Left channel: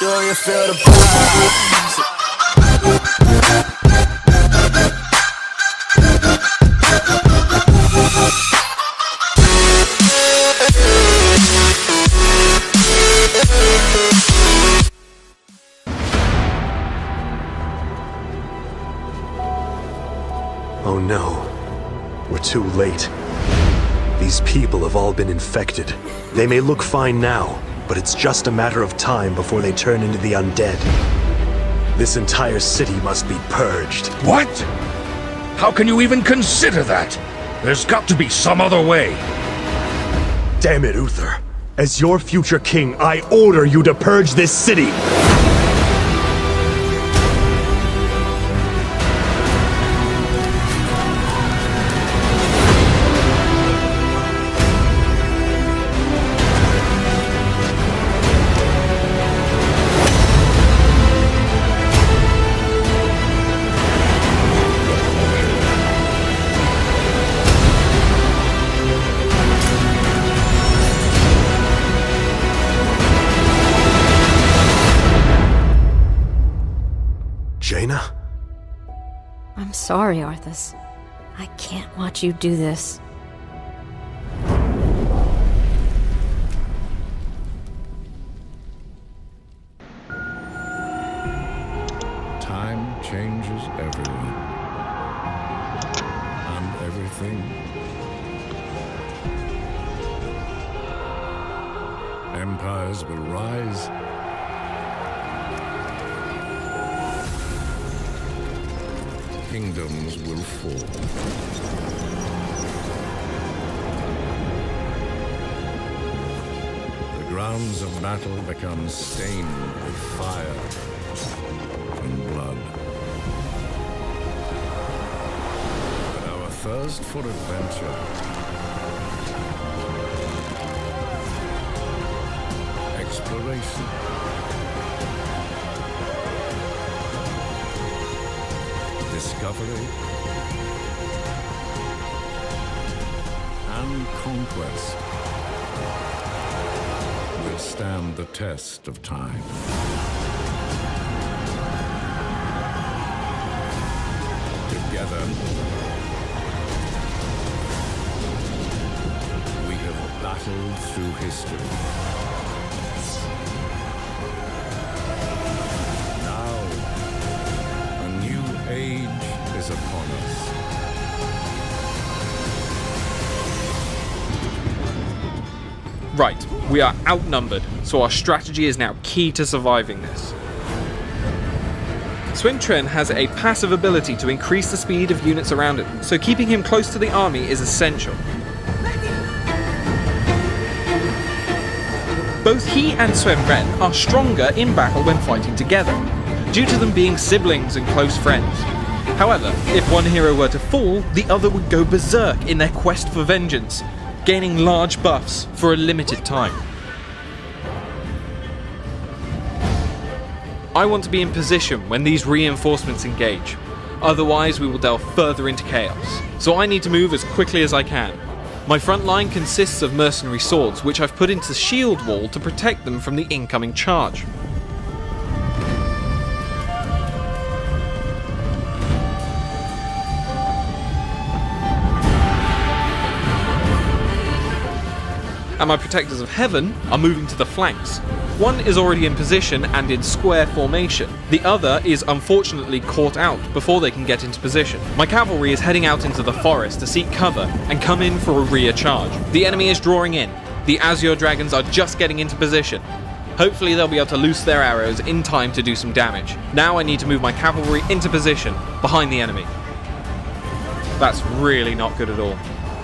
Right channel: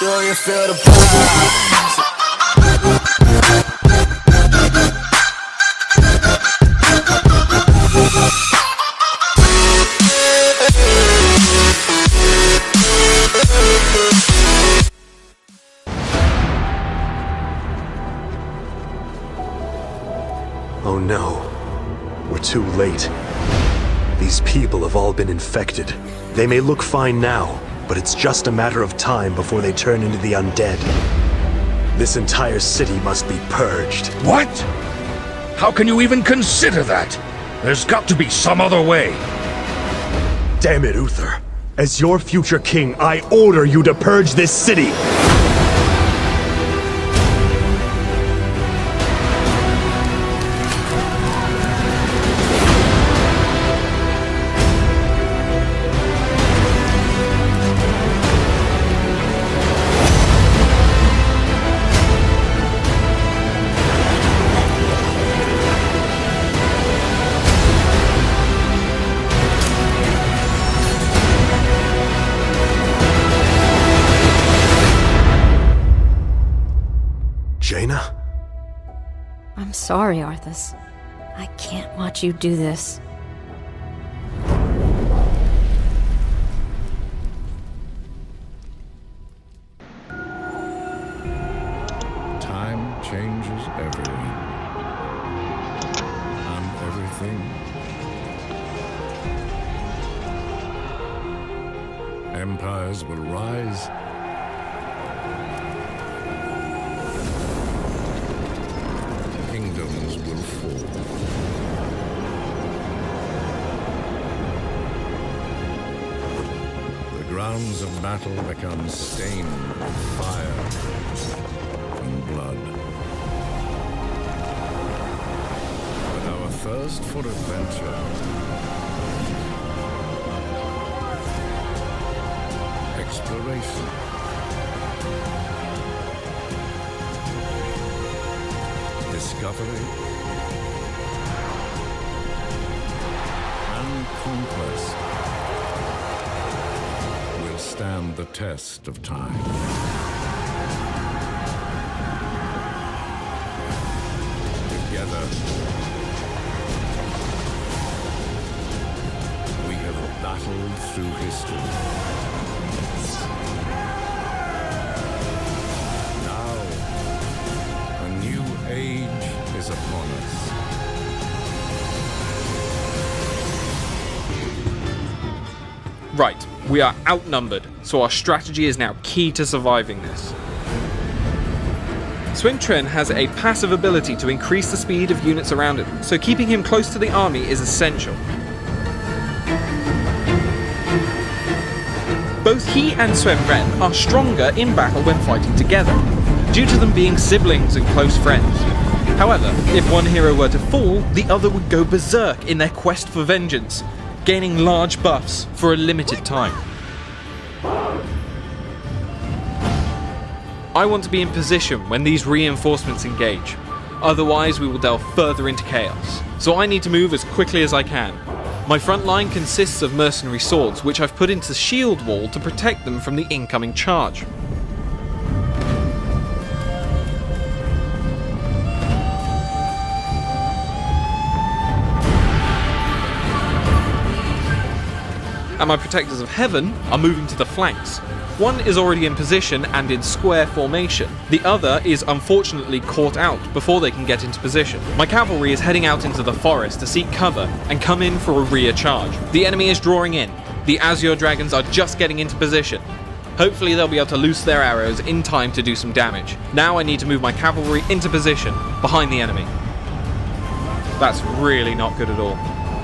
Do you feel the vibes? Oh no. We're too late. These people have all been infected. They may look fine now, but it's just a matter of time before they turn into the undead. This entire city must be purged. What? How can you even consider that? There's got to be some other way. Damn it, Uther. As your future king, I order you to purge this city! Jaina? I'm sorry, Arthas. I can't watch you do this. Time changes everyone. And everything. Empires will rise. Kingdoms will fall. The grounds of battle become stained with fire and blood. But our thirst for adventure, exploration, discovery and conquest will stand the test of time. Together, we have battled through history. Now, a new age is upon us. Right, we are outnumbered, so our strategy is now key to surviving this. Swintren has a passive ability to increase the speed of units around him, so keeping him close to the army is essential. Both he and Swinren are stronger in battle when fighting together, due to them being siblings and close friends. However, if one hero were to fall, the other would go berserk in their quest for vengeance, gaining large buffs for a limited time. I want to be in position when these reinforcements engage, otherwise we will delve further into chaos, so I need to move as quickly as I can. My front line consists of mercenary swords, which I've put into shield wall to protect them from the incoming charge. And my Protectors of Heaven are moving to the flanks. One is already in position and in square formation. The other is unfortunately caught out before they can get into position. My cavalry is heading out into the forest to seek cover and come in for a rear charge. The enemy is drawing in. The Azure Dragons are just getting into position. Hopefully they'll be able to loose their arrows in time to do some damage. Now I need to move my cavalry into position behind the enemy. That's really not good at all.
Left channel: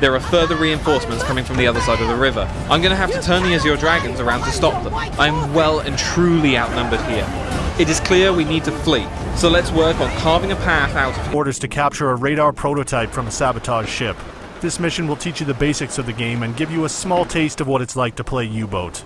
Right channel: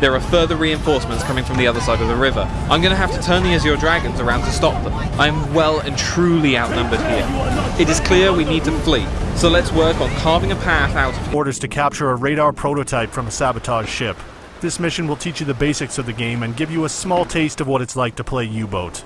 There are further reinforcements coming from the other side of the river. I'm going to have to turn the Azure Dragons around to stop them. I am well and truly outnumbered here. It is clear we need to flee, so let's work on carving a path out of here. Orders to capture a radar prototype from a sabotage ship. This mission will teach you the basics of the game and give you a small taste of what it's like to play U-Boat.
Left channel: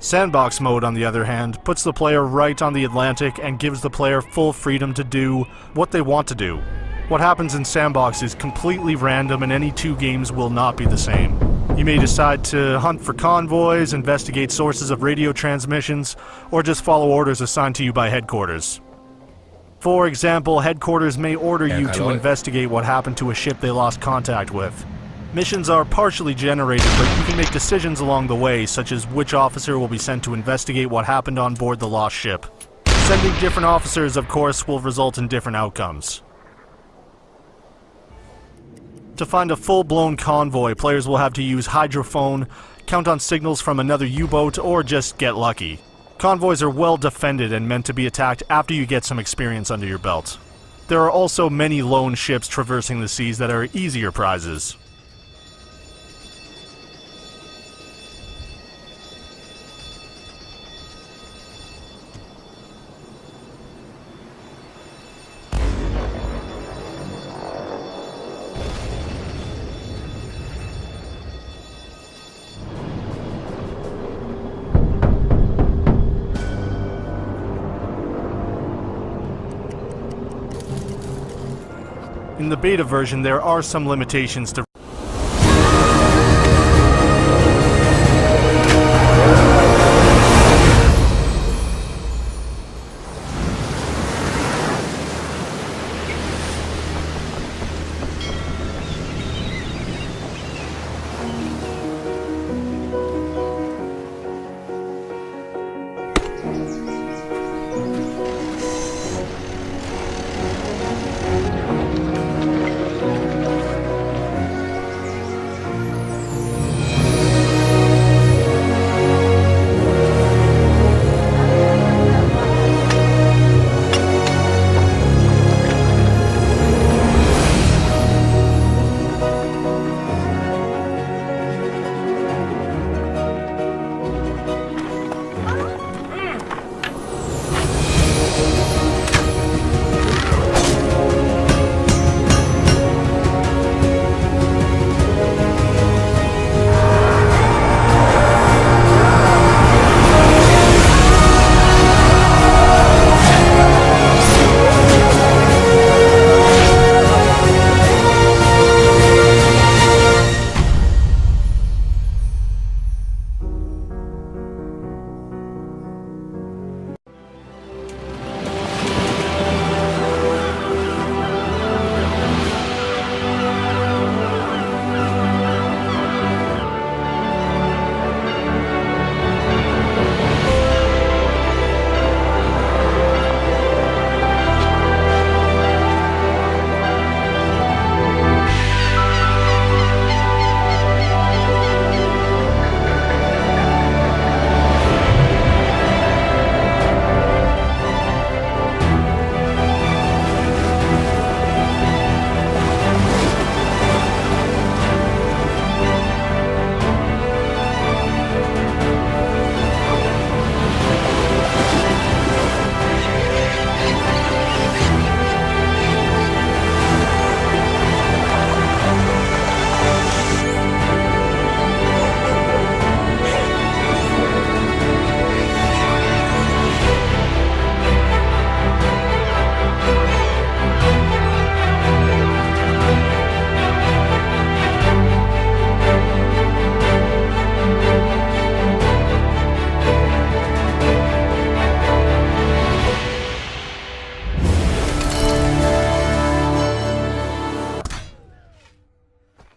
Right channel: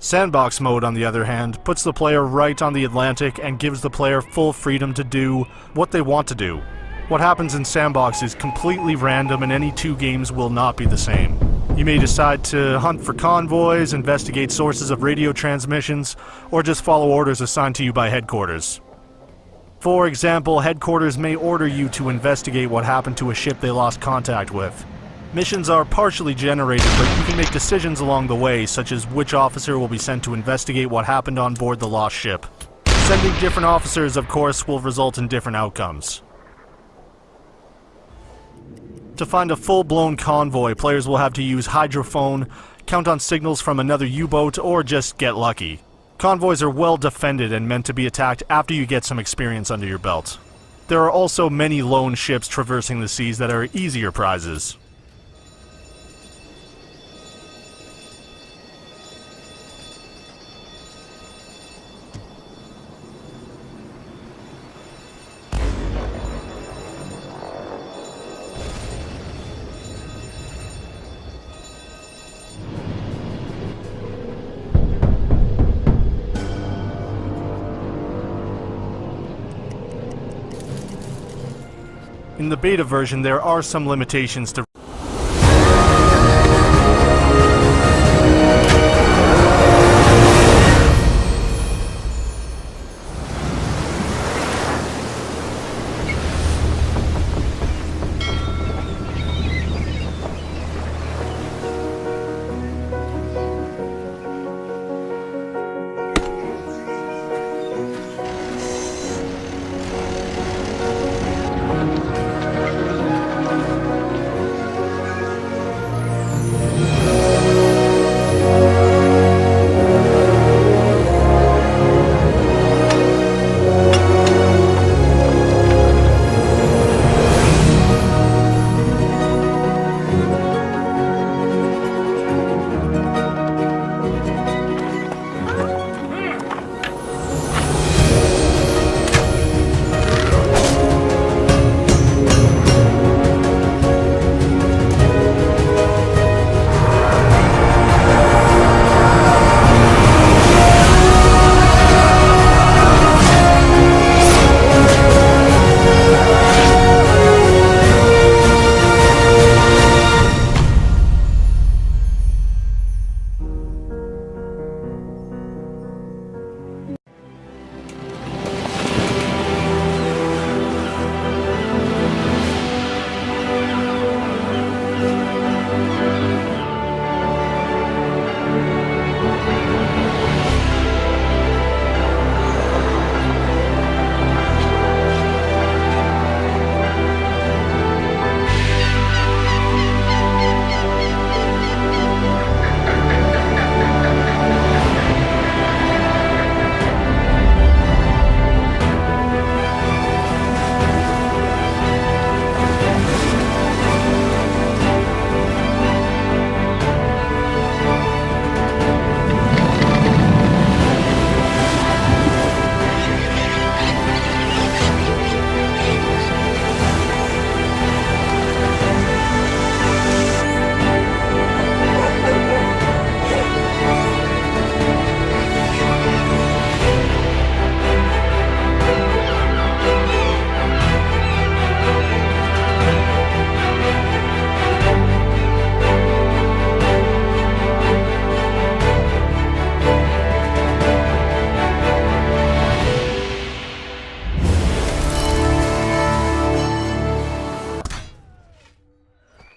Sandbox mode, on the other hand, puts the player right on the Atlantic and gives the player full freedom to do what they want to do. What happens in Sandbox is completely random and any two games will not be the same. You may decide to hunt for convoys, investigate sources of radio transmissions, or just follow orders assigned to you by headquarters. For example, headquarters may order you to investigate what happened to a ship they lost contact with. Missions are partially generated, but you can make decisions along the way, such as which officer will be sent to investigate what happened on board the lost ship. Sending different officers, of course, will result in different outcomes. To find a full-blown convoy, players will have to use hydrophone, count on signals from another U-boat, or just get lucky. Convoys are well defended and meant to be attacked after you get some experience under your belt. There are also many lone ships traversing the seas that are easier prizes. In the beta version, there are some limitations to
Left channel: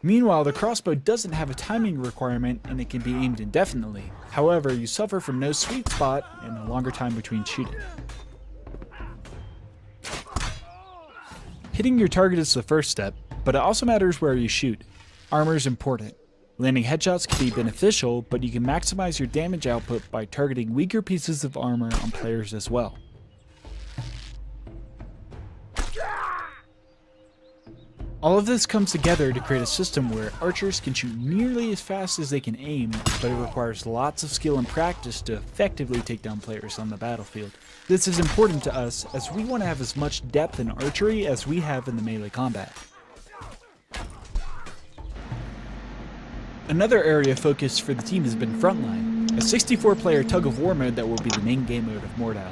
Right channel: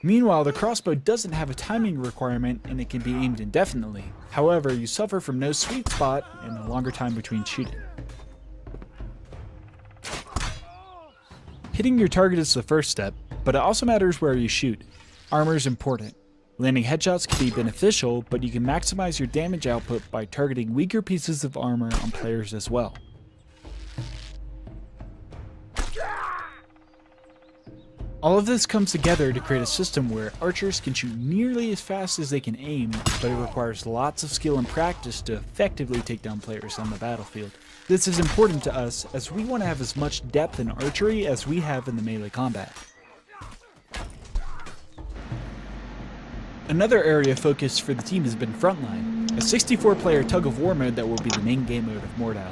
Meanwhile, the crossbow doesn't have a timing requirement and it can be aimed indefinitely. However, you suffer from no sweet spot and a longer time between shooting. Hitting your target is the first step, but it also matters where you shoot. Armor is important. Landing headshots can be beneficial, but you can maximize your damage output by targeting weaker pieces of armor on players as well. All of this comes together to create a system where archers can shoot nearly as fast as they can aim, but it requires lots of skill and practice to effectively take down players on the battlefield. This is important to us as we want to have as much depth in archery as we have in the melee combat. Another area of focus for the team has been Frontline, a 64-player tug-of-war mode that will be the main game mode of Mordhau.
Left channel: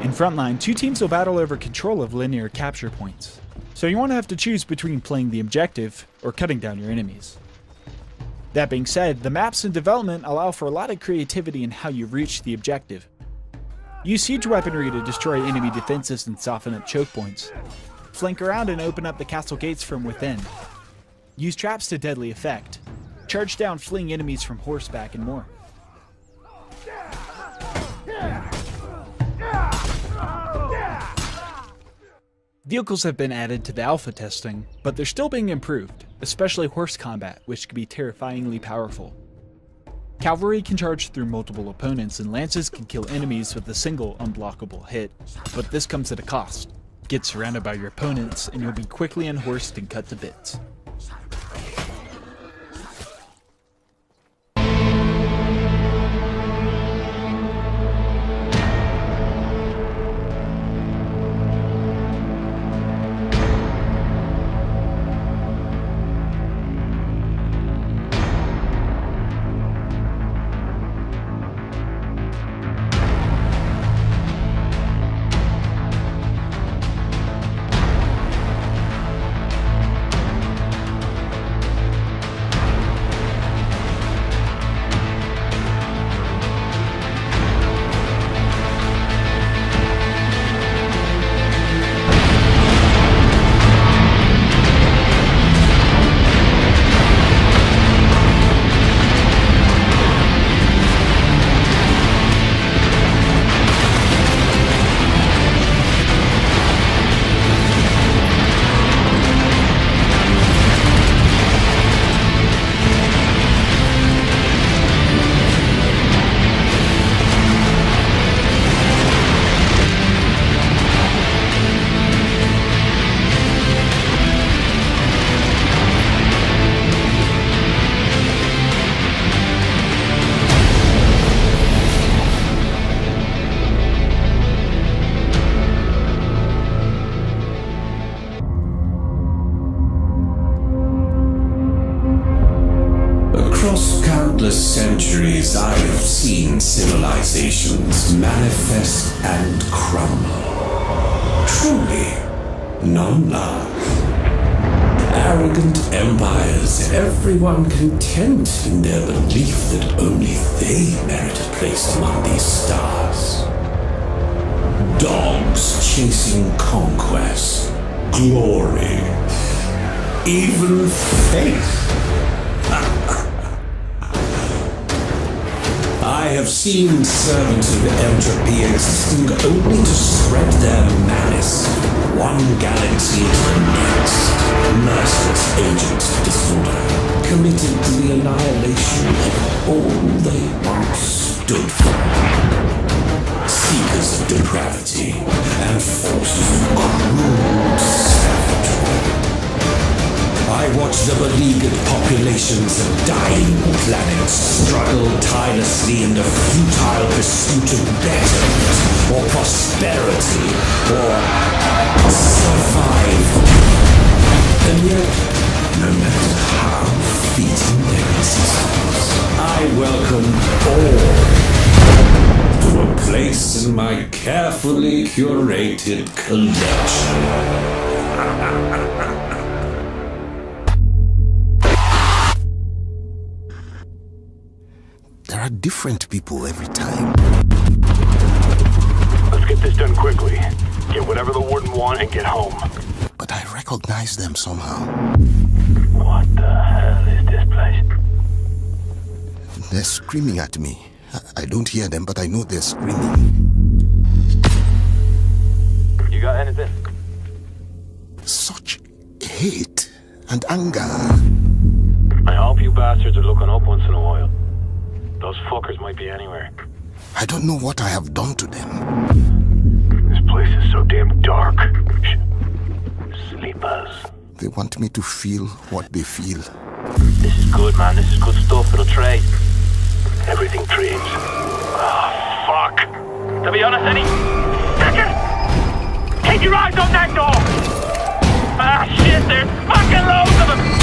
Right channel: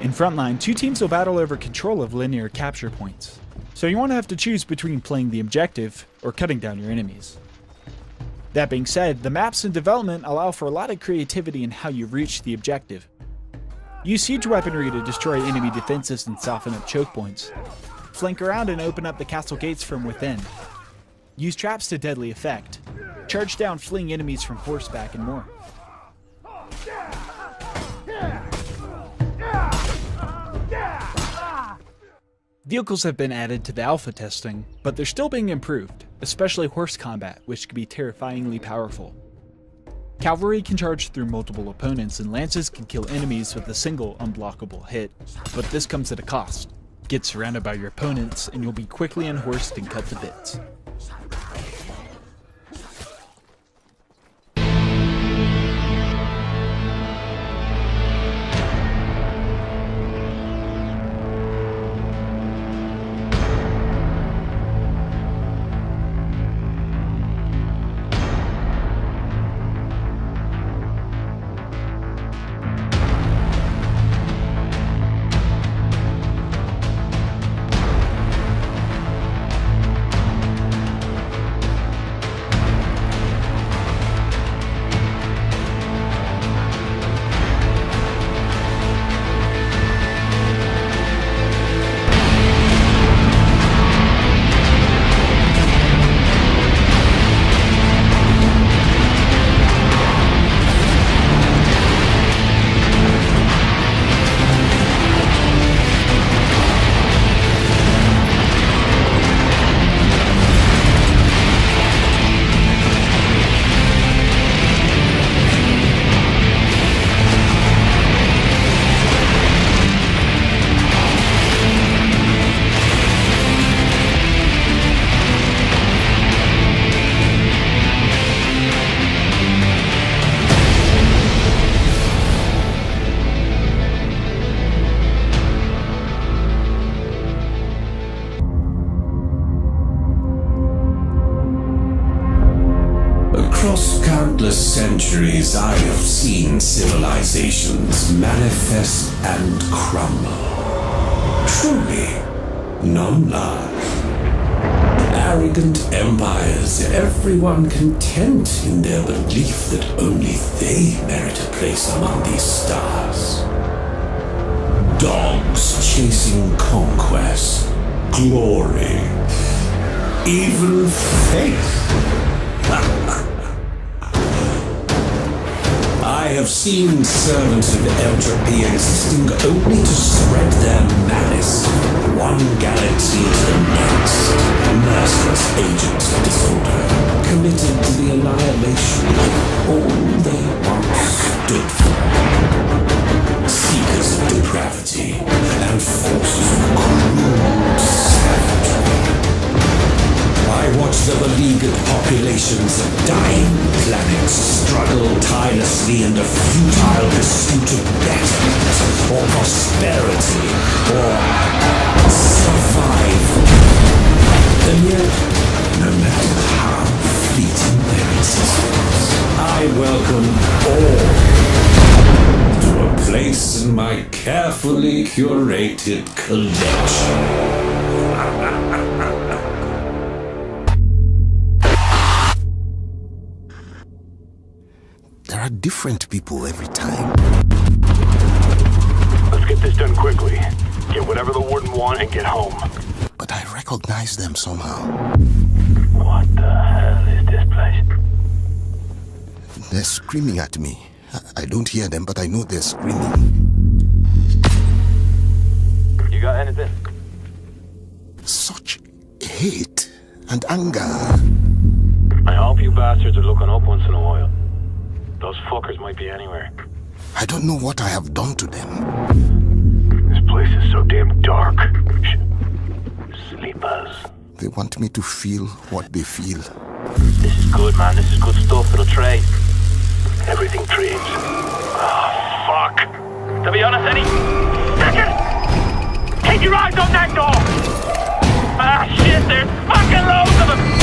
In Frontline, two teams will battle over control of linear capture points. So you won't have to choose between playing the objective or cutting down your enemies. That being said, the maps in development allow for a lot of creativity in how you reach the objective. Use siege weaponry to destroy enemy defenses and soften up choke points. Flank around and open up the castle gates from within. Use traps to deadly effect. Charge down fleeing enemies from horseback and more. Vehicles have been added to the alpha testing, but they're still being improved, especially horse combat, which can be terrifyingly powerful. Cavalry can charge through multiple opponents, and lances can kill enemies with a single unblockable hit, but this comes at a cost. Get surrounded by your opponents, and you'll be quickly unhorsed and cut to bits. Across countless centuries, I have seen civilizations manifest and crumble. Truly, none last. Arrogant empires, everyone content in their belief that only they merit a place among these stars. Dogs chasing conquest, glory, even faith. I have seen servants of entropy existing only to spread their malice, one galaxy into the next, merciless agents of disorder, committed to the annihilation of all they once stood for. Seekers of depravity and forces of cruel savagery. I watch the beleaguered populations of dying planets struggle tirelessly in the futile pursuit of betterment, or prosperity, or survival. And yet, no matter how fleeting their existence, I welcome all to a place in my carefully curated collection. There are different people every time. Let's get this done quickly. Get whatever the Warden want and get home. But I recognize them somehow. What the hell is this place? They're screaming at me. I don't hear them, but I know they're screaming. You got anything? Such hate and anger. I hope you bastards are looking up once in a while. Those fuckers might be anywhere. I don't know what I have done to them. This place is so damn dark. Sleepers. They want me to feel what they feel. This is good, man. This is good stuff. It'll trade. Everything trades. Oh, fuck. To be honest, Eddie. Second! Keep your eyes on that door! Ah, shit, there's fucking loads of them!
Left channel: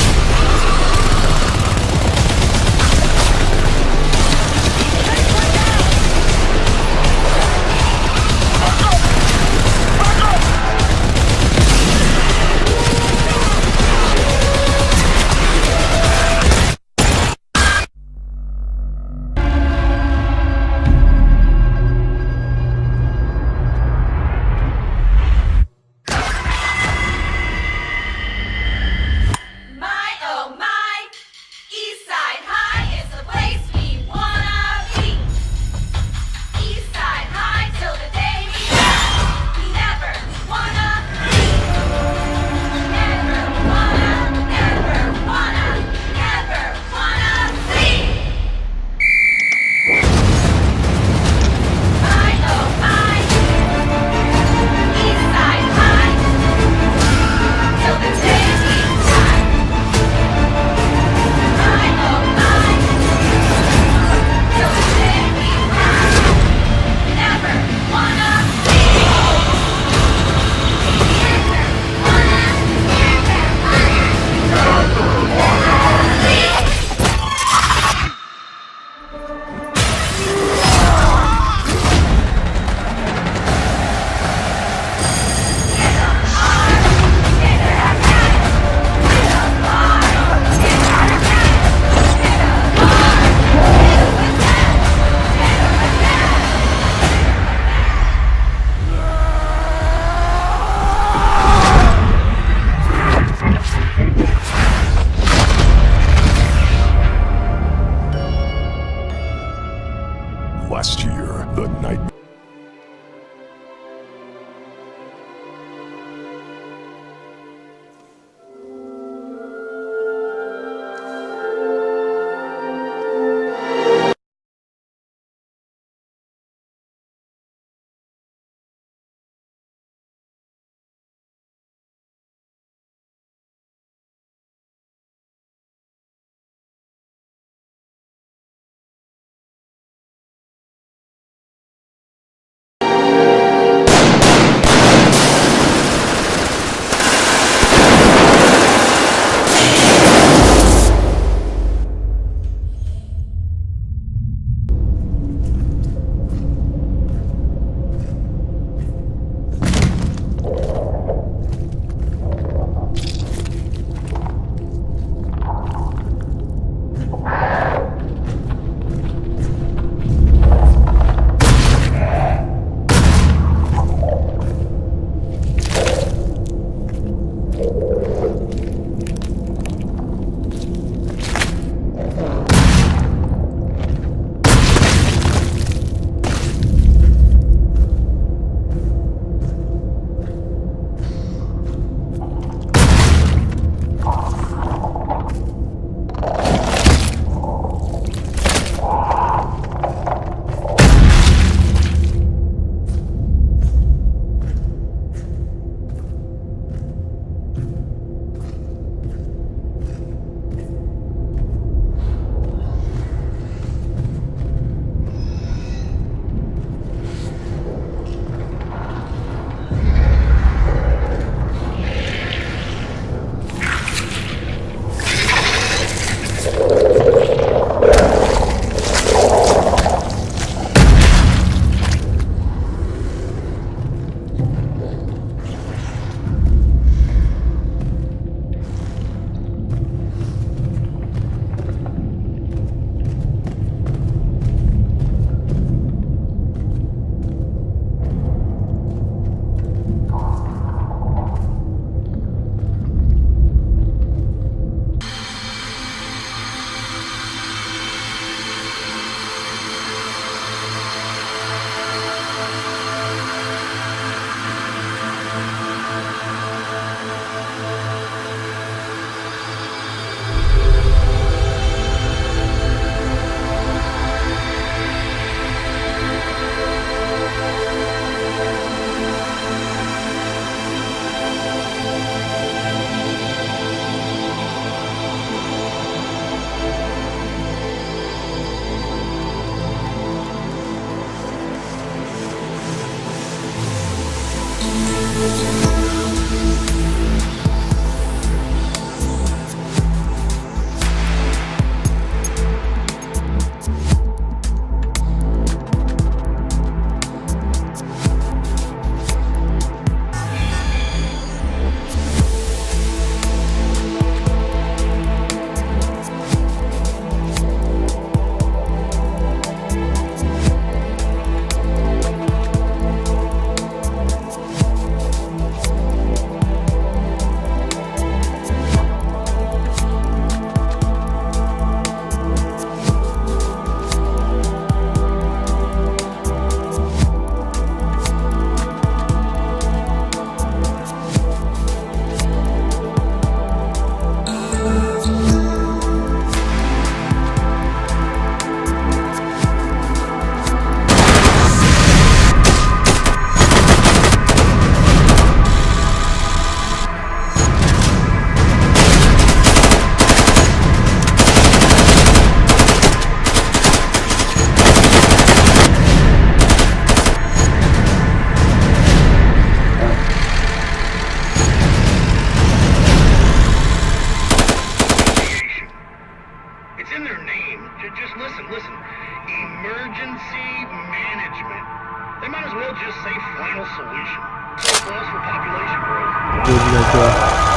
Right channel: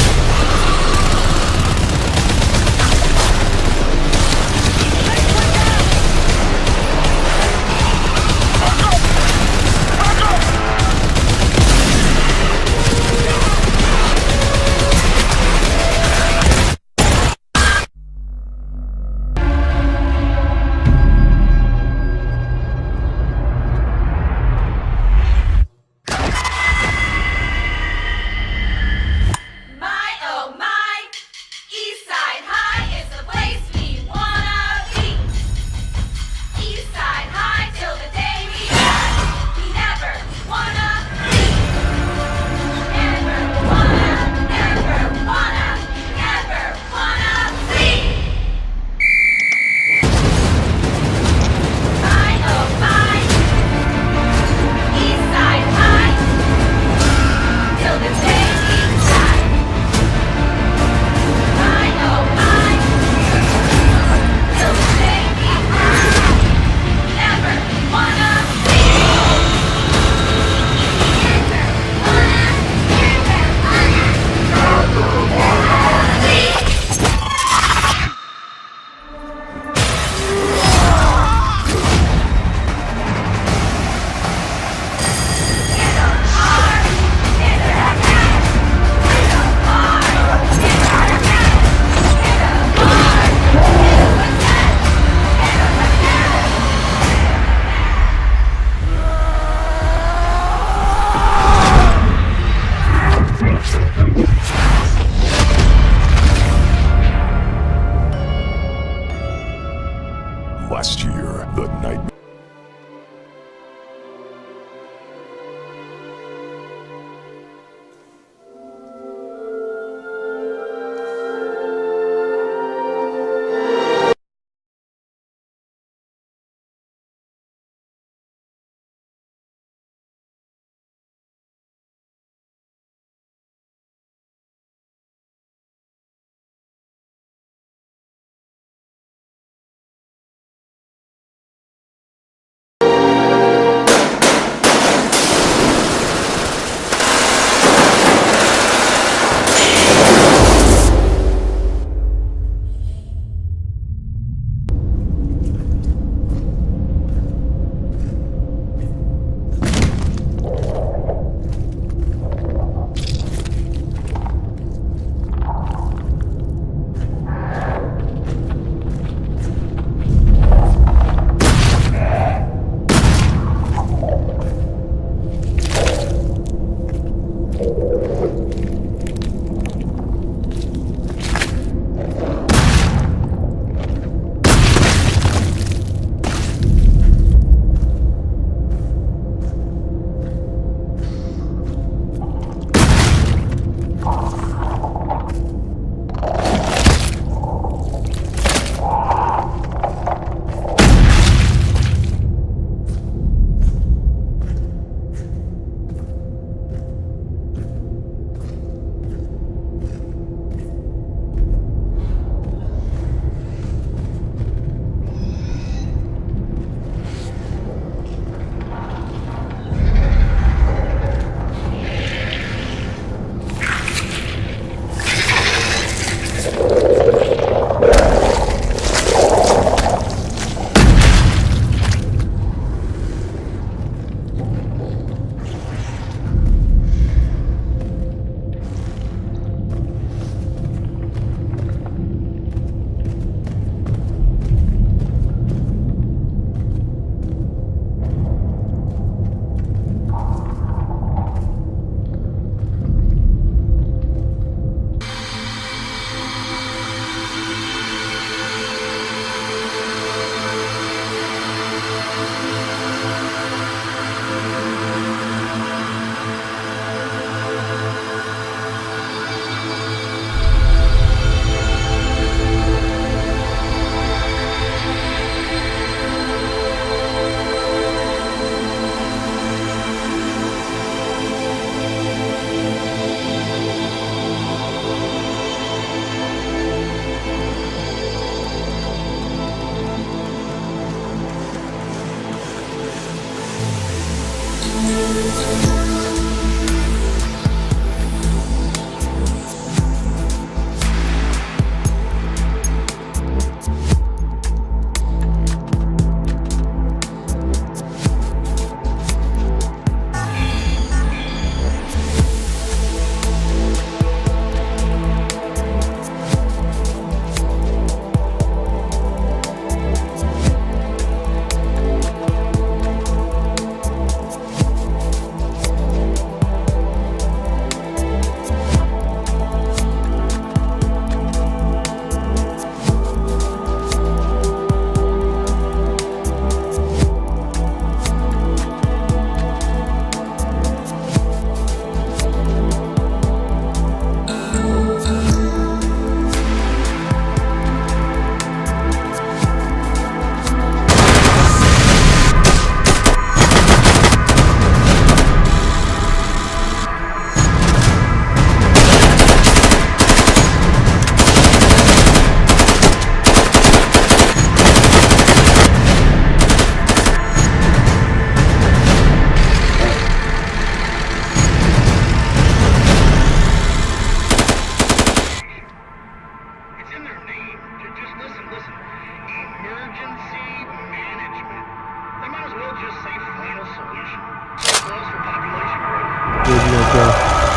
all just say final solution. So close for population growth. Radio go.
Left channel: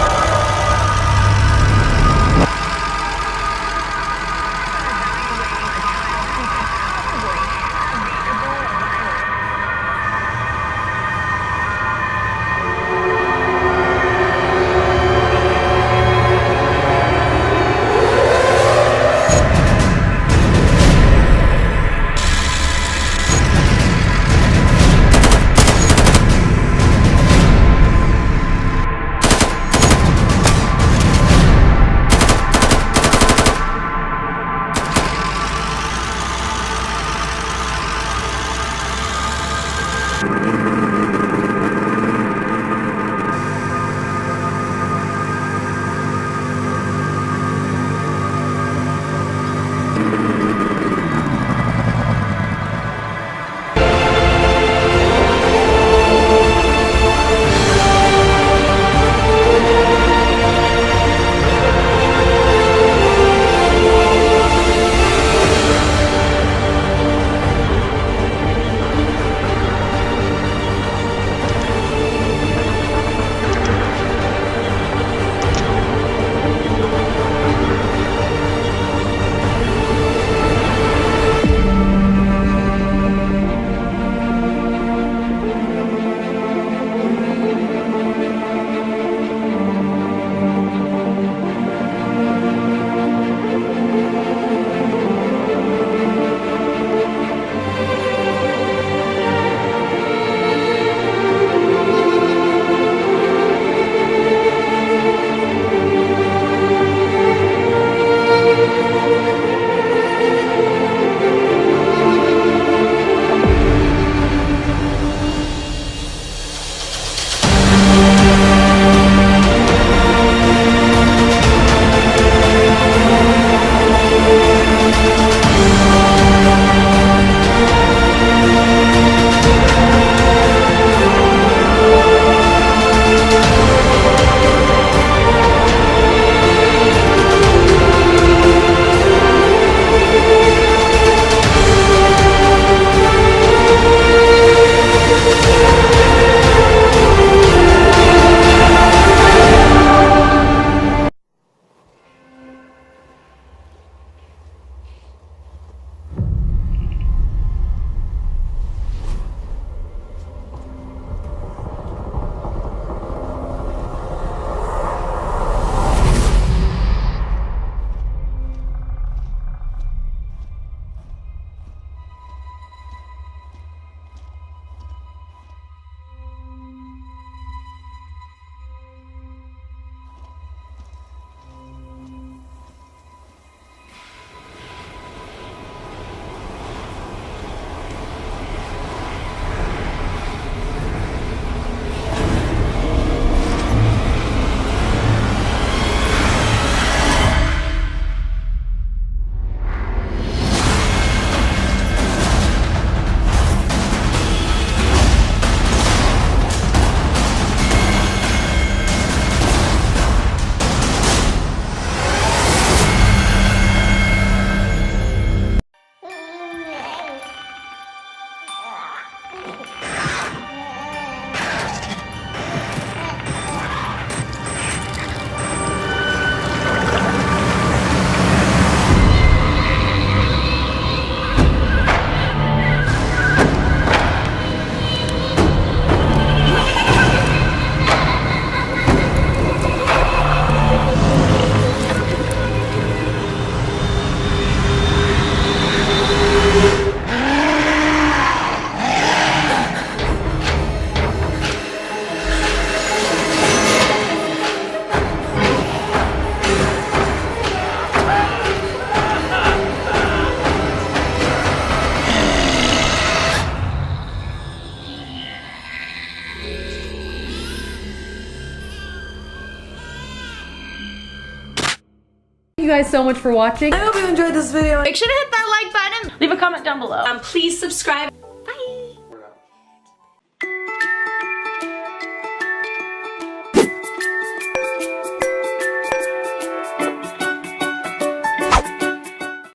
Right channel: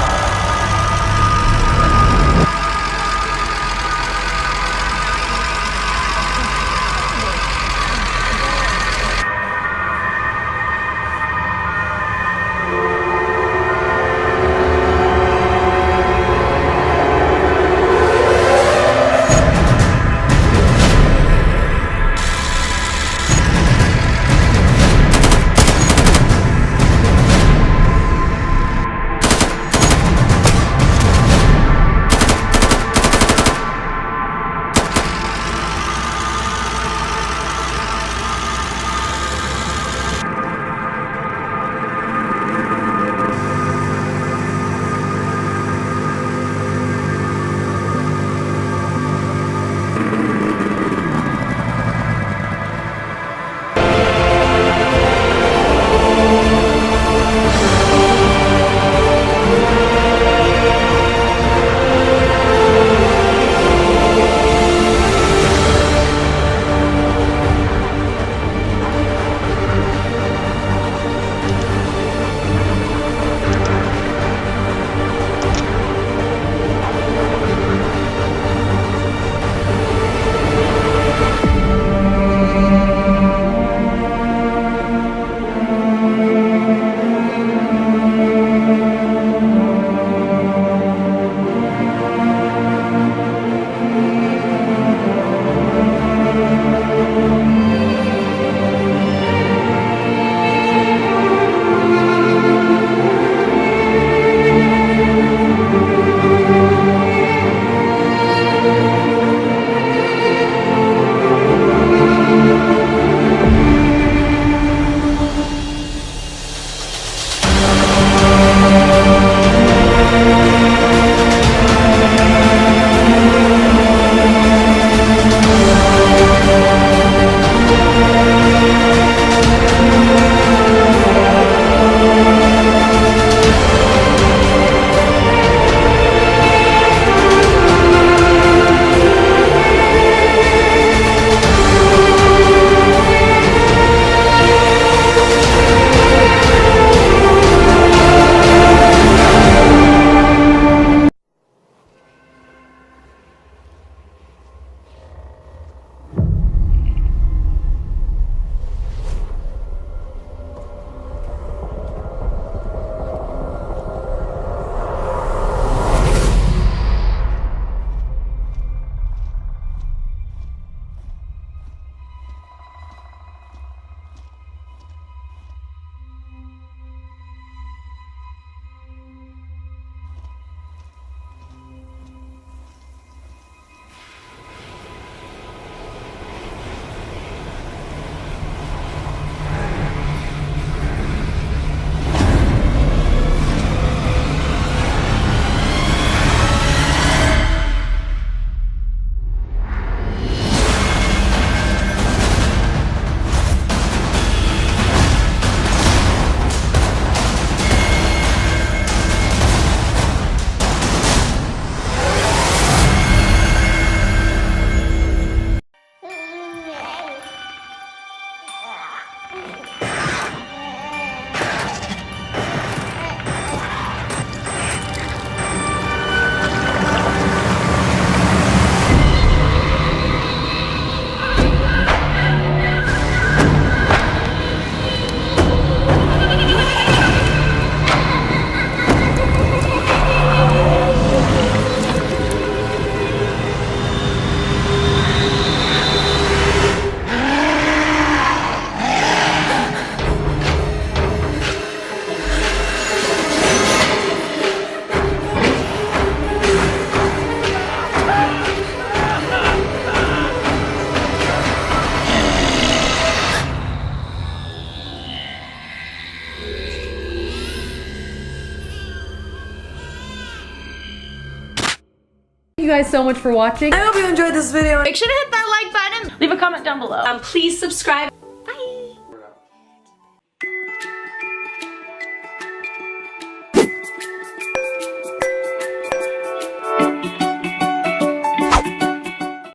you guys so much for watching. I hope you enjoyed this video. Make sure to hit that like button. Leave a comment down below. Please subscribe.